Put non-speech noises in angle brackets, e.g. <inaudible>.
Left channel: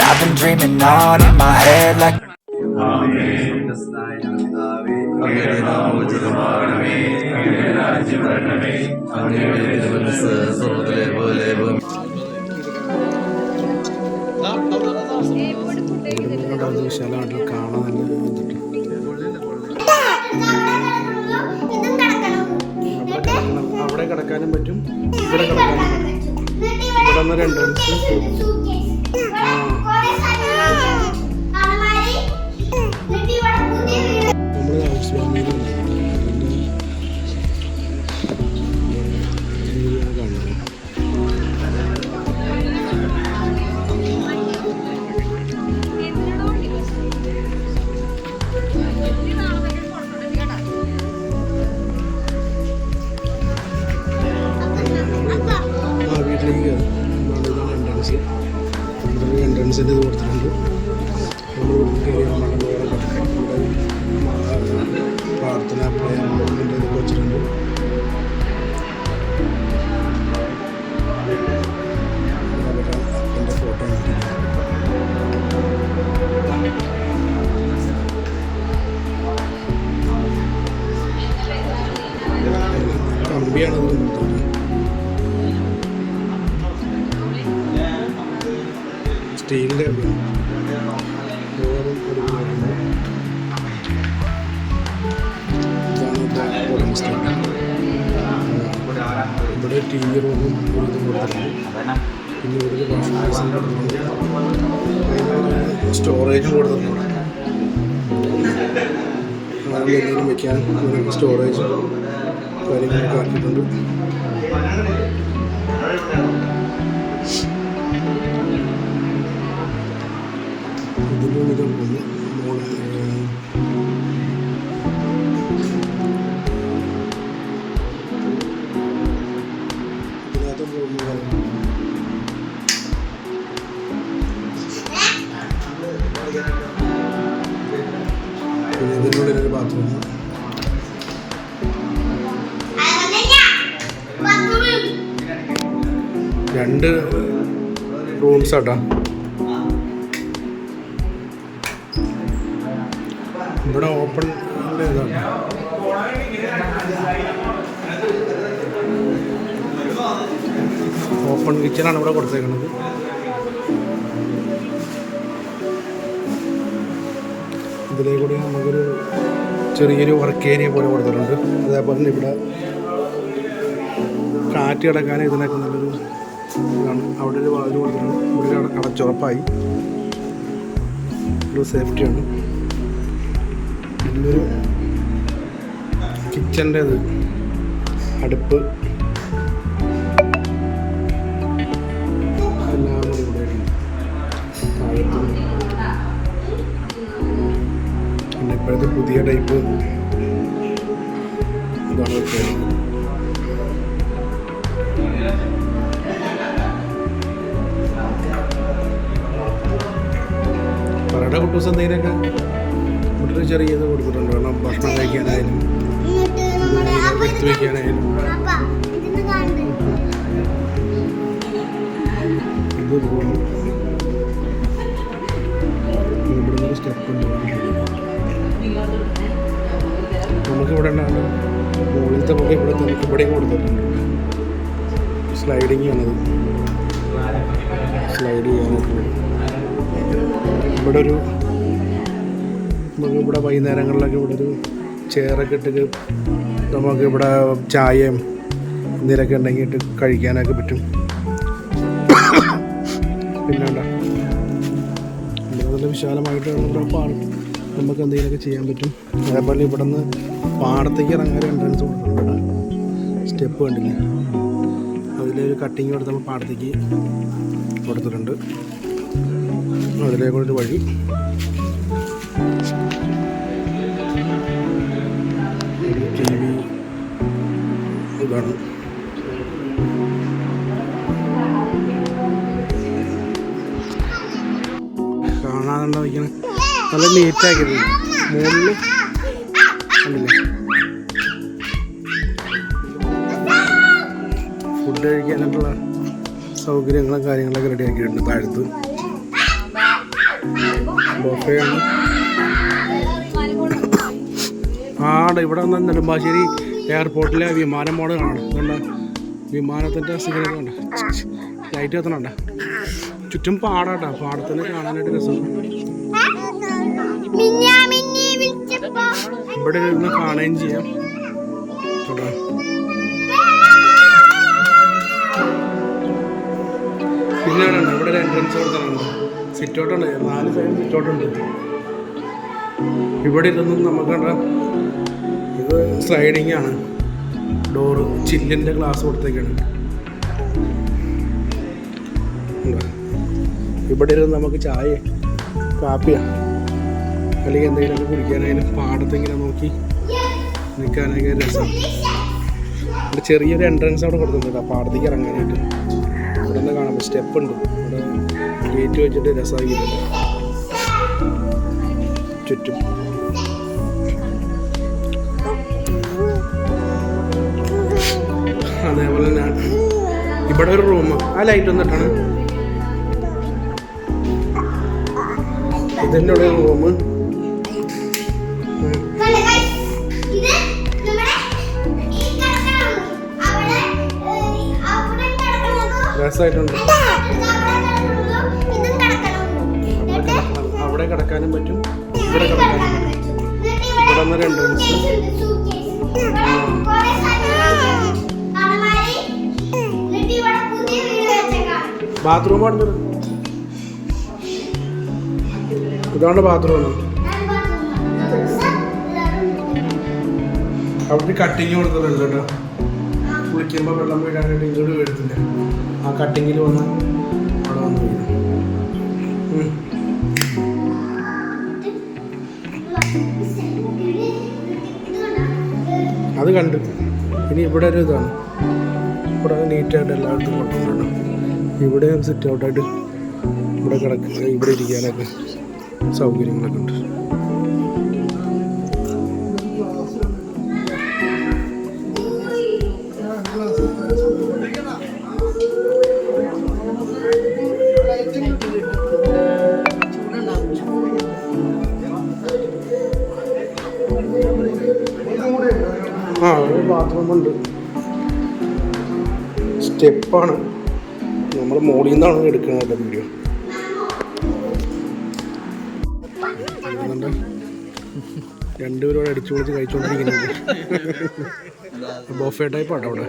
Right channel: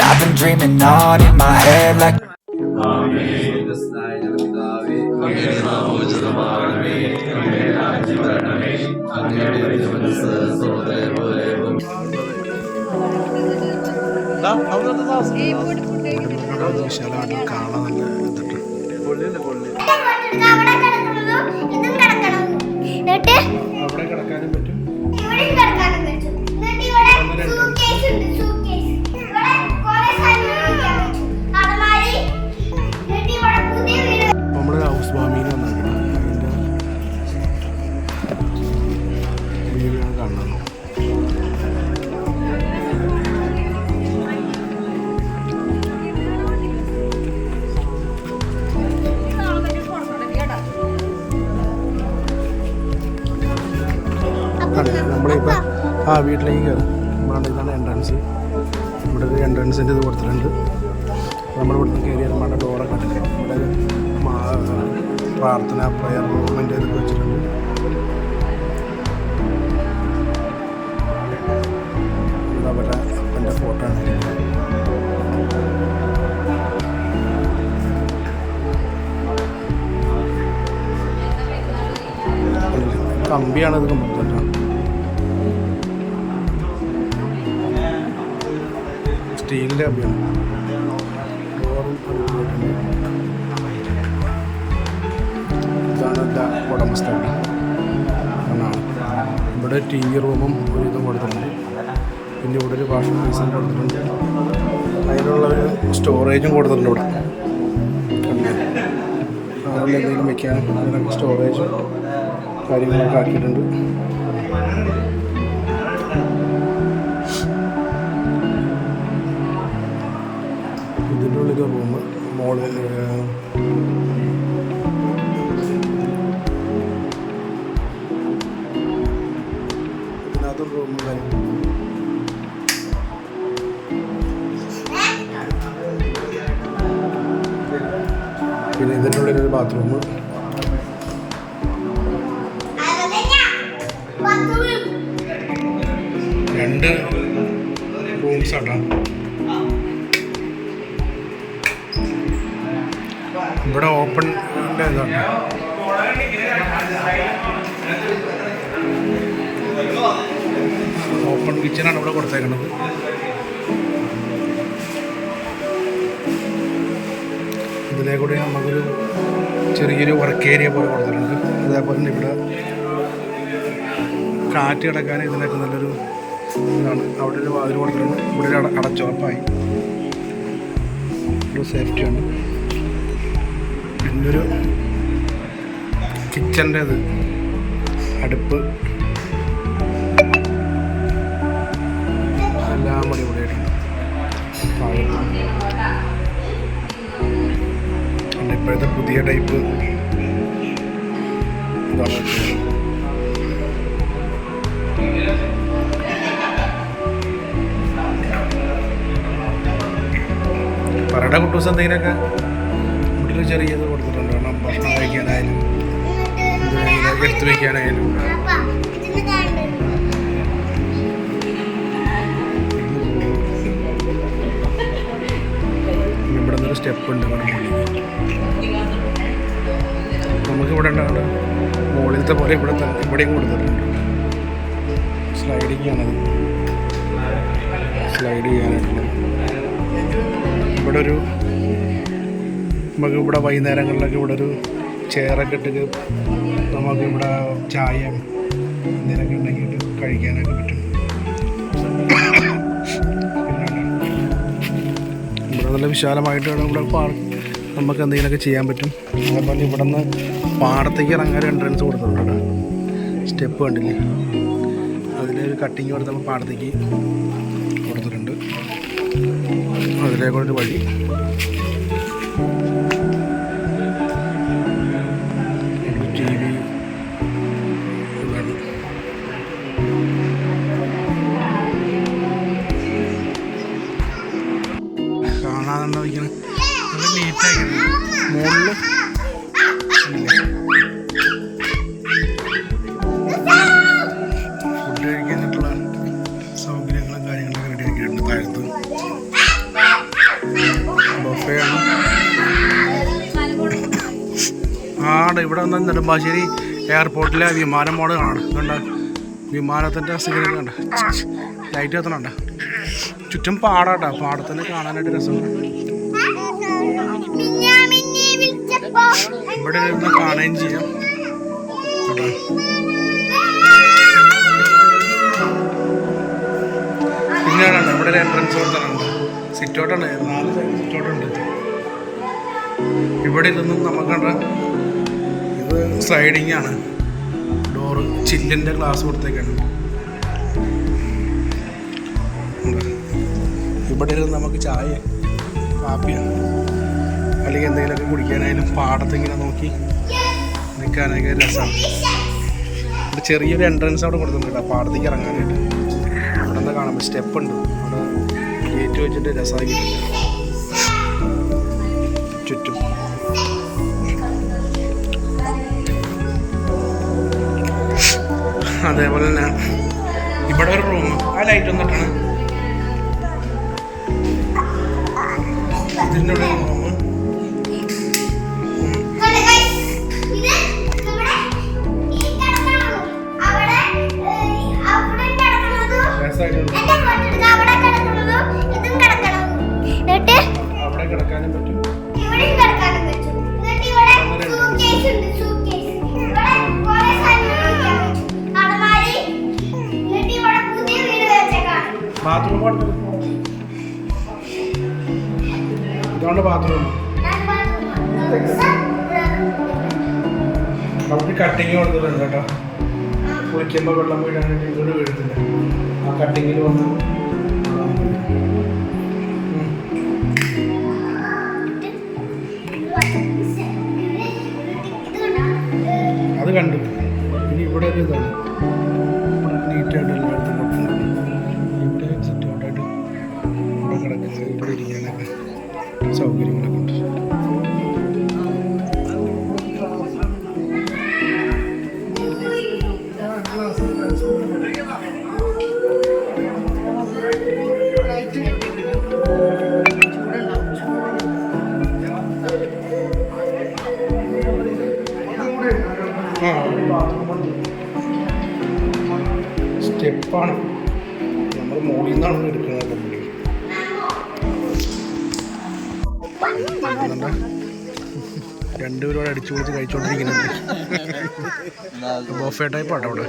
I've been dreaming on in my head like ഞങ്ങളുടെ പിതാവേ, അങ്ങയുടെ കിടക്കാനും പറ്റും. ഇവിടെ കിടക്കാനും ഇവിടെ എൻട്രൻസ് നമ്മൾ ഹൗസ് വാമിയിൽ വന്നേക്കണം. അതിന്റെ വീഡിയോ കാണുന്നത് നമ്മളിപ്പോൾ ആ വീട്ടിലേക്ക് കയറും നമ്മുടെ ഇതാണ് എൻട്രൻസ് ഇവിടെ ഒരു എൻട്രൻസിന്റെ ഇത് കൊടുത്തിട്ടുണ്ട്. നമ്മൾ ഇവിടുന്ന് കയറി നമ്മുടെ ഡോറൊക്കെ ഇട്ടിട്ടുണ്ട്. ഇവിടെ ഒരു പ്രാർത്ഥന പ്രയർ മൂവ്മെന്റ് ഇതൊക്കെ വെച്ചിട്ടുണ്ട്. ഇത് അവരുടെ അപ്പന്റെ കമ്പിയാണ് സ്റ്റീലിന്റെ കമ്പിയാണ്. ഡോറും അടിപൊളിയായിട്ടുണ്ട്. ഇതാണ് ഉടമസ്ഥ ഇവിടെ ടി വി റൂമും ഒരു ഇതും കൊടുത്തിട്ടുണ്ട്. പിന്നെ ഇവിടെ ഒരു വാഷിംഗ് ബേസും കൊടുത്തിട്ടുണ്ട്. അതിനുള്ള സ്റ്റോറേജും കൊടുത്തിട്ടുണ്ട് ഇവിടെ. എന്തെങ്കിലും വെക്കാൻ സ്റ്റോറേജ് കാര്യങ്ങളൊക്കെ ആക്കിയിട്ടുണ്ട്. മോളിൽ ഇതിനകത്തും റൂം പിന്നെ ഇതിന്റെ ഉള്ളിലൊരു ബാത്റൂം രണ്ട് റൂംസ് ആട്ടാ. ഇവിടെ ഓപ്പൺ ഇതാണ് ഓപ്പൺ കിച്ചണാണ് ഇവിടെ കൊടുത്തേക്കുന്നത് ഇതിലേ കൂടി നമുക്കൊരു ചെറിയൊരു വർക്ക് ഏരിയ പോലെ കൊടുത്തിട്ടുണ്ട്. അതേപോലെ തന്നെ ഇവിടെ കാറ്റ് കിടക്കാൻ ഇതിനൊക്കെ നല്ലൊരു ഇതാണ്. അവിടെ ഒരു വാതിൽ കൊടുത്തിട്ടുണ്ട്. ഇവിടെ അടച്ചുറപ്പായി. ഒരു സേഫ്റ്റിയാണ് പിന്നൊരു കിച്ചന്റെ ഇത് അടുപ്പ്. എല്ലാം കൂടി ഇവിടെ ആയിട്ടുണ്ട്. ഇപ്പോഴത്തെ പുതിയ ടൈപ്പ് ഇതാണ് വെച്ചത്. പറയുടെ കുട്ടൂസ് എന്തെങ്കിലുമൊക്കെ? ഇവിടെ ഒരു ചെറിയത് കൊടുത്തിട്ടുണ്ട്. കാരണം ഭക്ഷണം കഴിക്കാനായാലും എടുത്തു വയ്ക്കാനായാലും ഇത് ഇവിടെ നിന്നൊരു സ്റ്റെപ്പ് ഉണ്ട്. മുകളിൽ. നമുക്ക് ഇവിടെ ഉണ്ടാകേണ്ട മുകളിലത്തെ പോലെ ഇവിടെ തന്നെ ഇവിടെയും കൊടുത്തിട്ടുണ്ട്. സ്ലൈഡിങ് ആണത്. സ്ലൈഡ് ചെയ്യാനായിട്ടുള്ളത്. ഇവിടെ ഒരു നമുക്ക് ഇവിടെ വൈകുന്നേരങ്ങളിലൊക്കെ ഇവിടെ ഒരു ചെയറൊക്കെ ഇട്ടിട്ട് നമുക്ക് ഇവിടെ ചായയും എന്തെങ്കിലുമൊക്കെ ഉണ്ടെങ്കിൽ ഇട്ട് കഴിക്കാനൊക്കെ പറ്റും. പിന്നെ എന്താ, ഇവിടെ നല്ല വിശാലമായിട്ട് ഇവിടെ പാർക്ക് നമുക്ക് എന്തെങ്കിലുമൊക്കെ ചെയ്യാൻ പറ്റും. അതേപോലെ ഇവിടെ നിന്ന് പാടത്തേക്ക് ഇറങ്ങാൻ എൻട്രൻസ് കൊടുത്തിട്ടുണ്ട് സ്റ്റെപ്പ് കണ്ടില്ലേ? അതിലൊരു കട്ടിങ് കൊടുത്ത് നമ്മൾ പാടത്തേക്ക് കൊടുത്തിട്ടുണ്ട്. അതിലേക്കുള്ളൊരു വഴി. ഇതാണ് കാണാതെന്താ വയ്ക്കണേ നല്ല നീറ്റാക്കിയത് മുകളിൽ കണ്ടില്ലേ? ഫുഡ് കഴിക്കാനായിട്ടുള്ള സൗകര്യങ്ങളും കാര്യങ്ങളൊക്കെ റെഡി ആക്കിയിട്ടുണ്ട് താഴത്ത്. ബൊഫേ ആണ്. ആടെ ഇവിടെ വന്നാൽ നെടുമ്പാശ്ശേരി എയർപോർട്ടിലെ വിമാനം മോഡ് കാണാം. കണ്ട വിമാനത്തിന്റെ സിഗ്നൽ കണ്ട ലൈറ്റ് കത്തണണ്ട ചുറ്റും പാടാട്ടാ. പാടത്തിന് കാണാനായിട്ട് രസമുണ്ട് ഇവിടെ ഇരുന്ന് കാണുകയും ചെയ്യാം. ചേട്ടാ പിന്നെ ഉണ്ട് ഇവിടെ ഒരു എൻട്രൻസ് കൊടുത്തിട്ടുണ്ട് സിറ്റോട്ടുണ്ട് നാല് സൈഡ് സിറ്റോട്ടുണ്ട് ഉണ്ട് ഇവിടെ ഇരുന്നും നമുക്ക് കണ്ട ഇത് സ്ലൈഡിങ് ആണ്. ഡോറ് ചില്ലിന്റെ ഗ്ലാസ് കൊടുത്തേക്കാണ്? ഇവിടെ ഇരുന്ന് നമുക്ക് ചായ കാപ്പിയോ അല്ലെങ്കിൽ എന്തെങ്കിലുമൊക്കെ കുടിക്കാനായാലും പാടത്തിങ്ങനെ നോക്കി നിൽക്കാനൊക്കെ രസമാണ്. ഇവിടെ ചെറിയൊരു എൻട്രൻസ് അവിടെ കൊടുത്തിട്ടുണ്ട് പാടത്തേക്ക് ഇറങ്ങാനായിട്ട്. ഇവിടെ നിന്ന് കാണാൻ സ്റ്റെപ്പ് ഉണ്ട്. അവിടെ ഗേറ്റ് വെച്ചിട്ട് രസമാക്കിയിട്ടുണ്ട്. ചുറ്റും. അതേപോലെ തന്നെ ഇവിടെ ഒരു റൂം ആ ലൈറ്റ് വന്നിട്ടാണ്. ഇതിന്റെ ഒരു റൂം അവിടെ രസമായിട്ടുണ്ട് കിടക്കാനും പറ്റും. ഇവിടെ കിടക്കാനും പറ്റും. ഇവിടെ വന്നൊരു എൻട്രൻസ് ബാത്റൂം പറഞ്ഞത് ഇതാണ് ബാത്റൂം. അവിടെ കട്ടിങ് കൊടുത്തിട്ടുണ്ട് കേട്ടോ. കുളിക്കുമ്പോൾ വെള്ളം വീഴാനായിട്ട് ഇങ്ങോട്ട് വീഴത്തില്ല. ആ കട്ടിങ്ങിൽ വന്ന് അവിടെ വന്ന് വീഴും? അത് കണ്ടു. ഇനി ഇവിടെ ഒരു ഇതാണ്. ഇവിടെ നീറ്റായിട്ട് എല്ലായിടത്തും ഇവിടെ സെറ്റ് ഔട്ടായിട്ട് ഇവിടെ കിടക്കുക ഇവിടെ ഇരിക്കാനൊക്കെ സൗകര്യങ്ങളൊക്കെ ഉണ്ട്. ആ ഒരു ബാത്റൂം ഉണ്ട്. സ്റ്റെപ്പാണ് നമ്മൾ മോളിൽ നിന്നാണ് എടുക്കുന്നത് വീഡിയോ. രണ്ടുപേരോട് അടിച്ചു പൊളിച്ച് കഴിച്ചുകൊണ്ടിരിക്കുന്നുണ്ട് <laughs> ബോഫേ ടൈപ്പ് ആട്ടോ അവിടെ.